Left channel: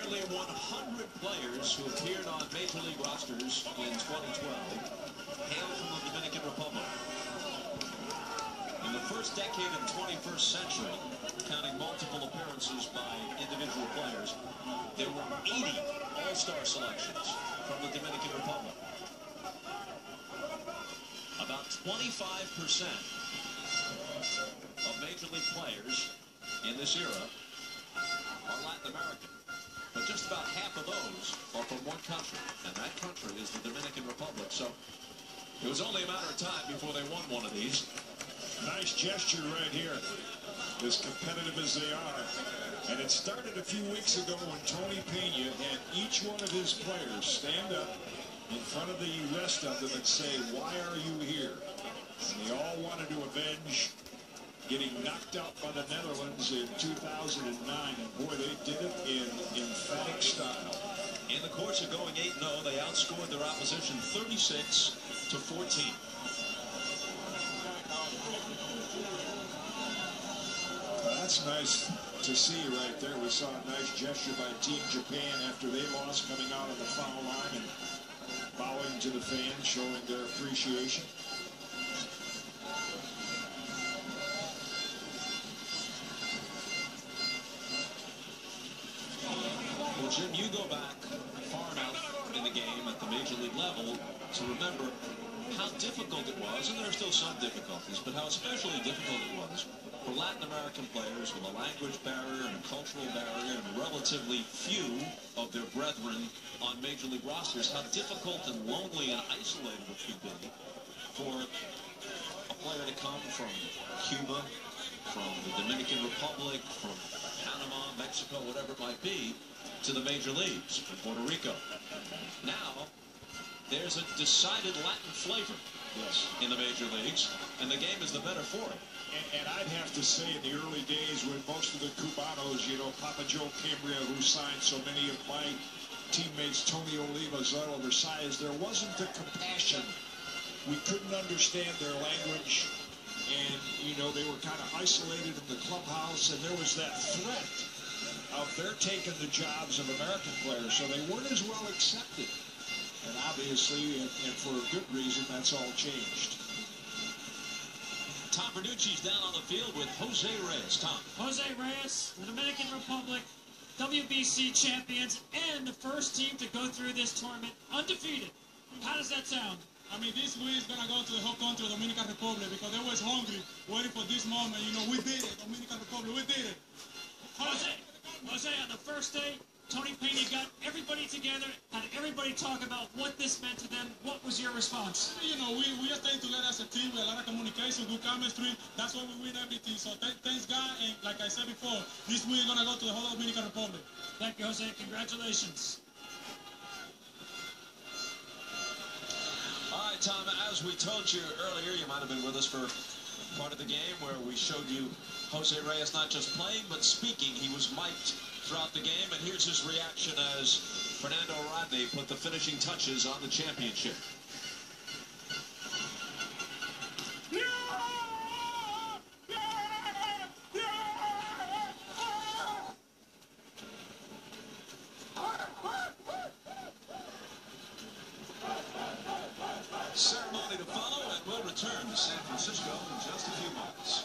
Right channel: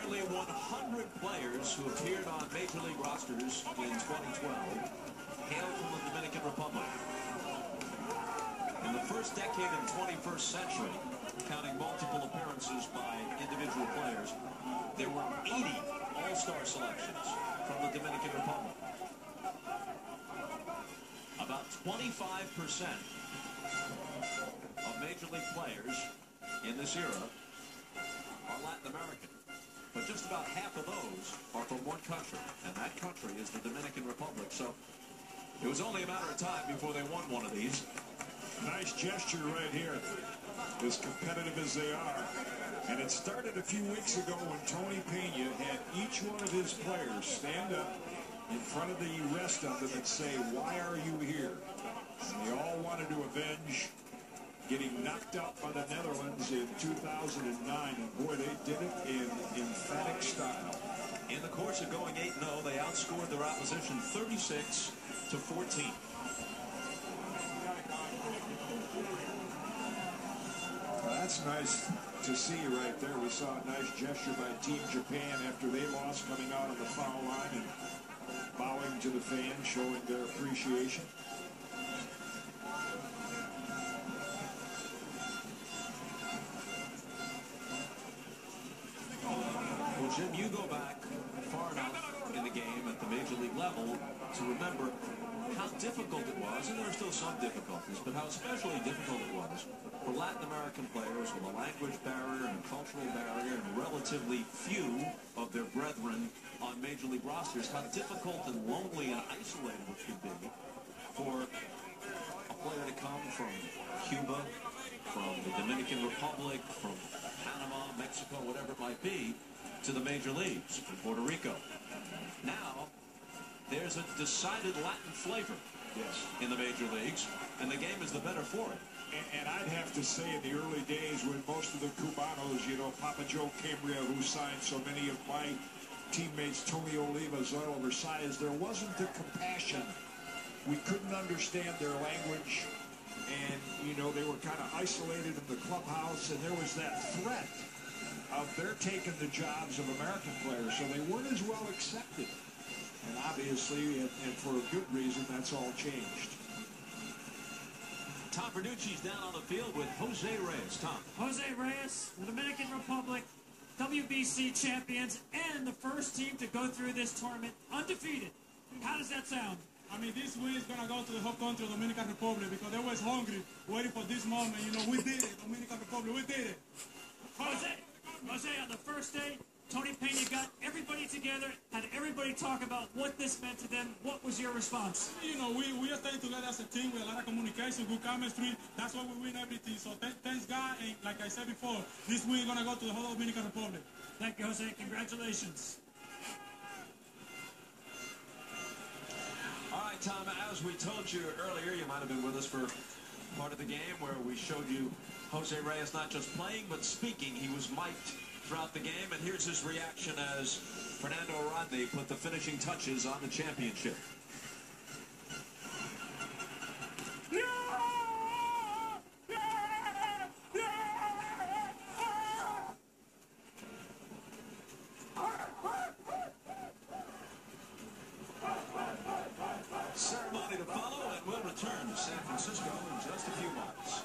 Nearly 100 players who appeared on Major League rosters in 2012 hail from the Dominican Republic. In the first decade of the 21st century, counting multiple appearances by individual players, there were 80 all-star selections from the Dominican Republic. About 25% of Major League players in this era are Latin American. But just about half of those are from one country, and that country is the Dominican Republic. So it was only a matter of time before they won one of these. Nice gesture right here, as competitive as they are. And it started a few weeks ago when Tony Pena had each one of his players stand up in front of the rest of them and say, "Why are you here?" And they all wanted to avenge getting knocked out by the Netherlands in 2009. And boy, they did it in emphatic style. In the course of going 8-0, they outscored their opposition 36-14. That's nice to see right there. We saw a nice gesture by Team Japan after they lost, coming out on the foul line and bowing to the fans, showing their appreciation. Well, Jim, you go back far enough in the game at the Major League level to remember how difficult it was, and there are still some difficulties, but how especially difficult it was for Latin American players with a language barrier and a cultural barrier and relatively few of their brethren on Major League rosters, how difficult and lonely and isolated it could be for a player to come from Cuba, from the Dominican Republic, from Panama, Mexico, whatever it might be, to the Major Leagues, from Puerto Rico. Now, there's a decided Latin flavor, yes, in the Major Leagues, and the game is the better for it. And I'd have to say, in the early days when most of the Cubanos, you know, Papa Joe Cambria, who signed so many of my teammates, Tony Oliva, Zoilo Versailles, there wasn't the compassion. We couldn't understand their language, and, you know, they were kind of isolated in the clubhouse, and there was that threat of their taking the jobs of American players, so they weren't as well accepted. And obviously, and for a good reason, that's all changed. Tom Verducci's down on the field with Jose Reyes. Tom. Jose Reyes, the Dominican Republic, WBC champions, and the first team to go through this tournament undefeated. How does that sound? I mean, this win is going to go to the whole country of Dominican Republic because they was hungry, waiting for this moment. You know, we did it, Dominican Republic, we did it. Jose, on the first day, Tony Pena got everybody together, had everybody talk about what this meant to them. What was your response? You know, we are staying together as a team with a lot of communication, good chemistry. That's why we win everything. So thanks God, and like I said before, this win is going to go to the whole Dominican Republic. Thank you, Jose. Congratulations. All right, Tom, as we told you earlier, you might have been with us for part of the game where we showed you Jose Reyes not just playing, but speaking. He was mic'd throughout the game, and here's his reaction as Fernando Rodney put the finishing touches on the championship. Ceremony to follow, and we'll return to San Francisco in just a few months.